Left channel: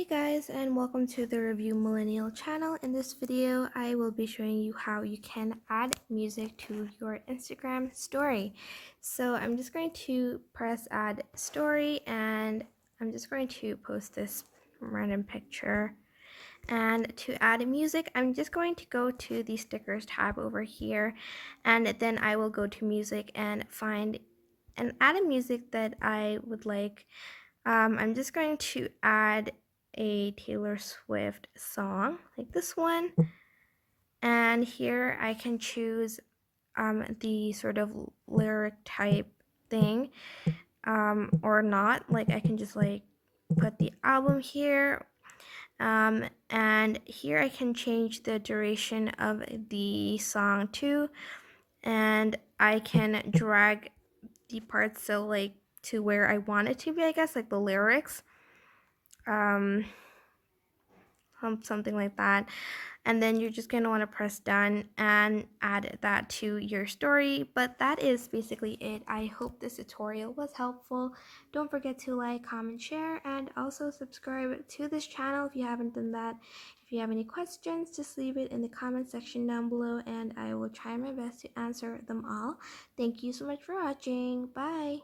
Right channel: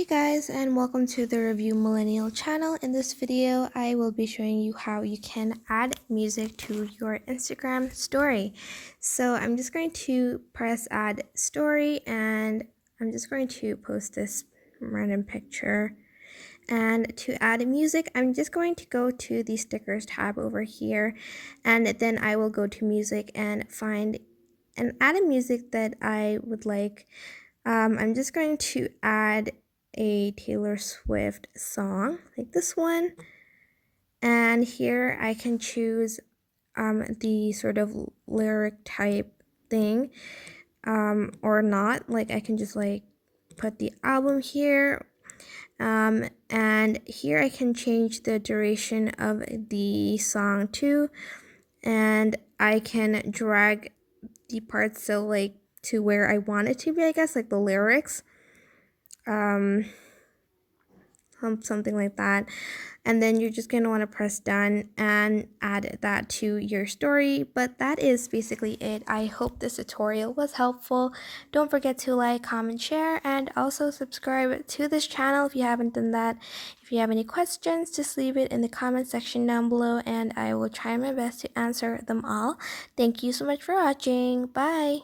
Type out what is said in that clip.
Hey guys, and welcome to the Review Millennial channel. In this video, I will be showing you how you can add music to your Instagram story. So I'm just going to press add story and I'm just going to post this random picture. And to add music, I'm just going to go to the stickers tab over here, and then I will go to music and find and add a music that I would like. I'm just going to add a Taylor Swift song like this one, and here I can choose the sort of lyric type thing or not. Like I can just like put the album here, and here I can change the duration of the song too, and I can drag the parts so like to where I want it to be, I guess, like the lyrics, something like that. And then you're just going to want to press done and add that to your story. But that is basically it. I hope this tutorial was helpful. Don't forget to like, comment, share, and also subscribe to this channel if you haven't done that. If you have any questions, just leave it in the comment section down below and I will try my best to answer them all. Thank you so much for watching. Bye!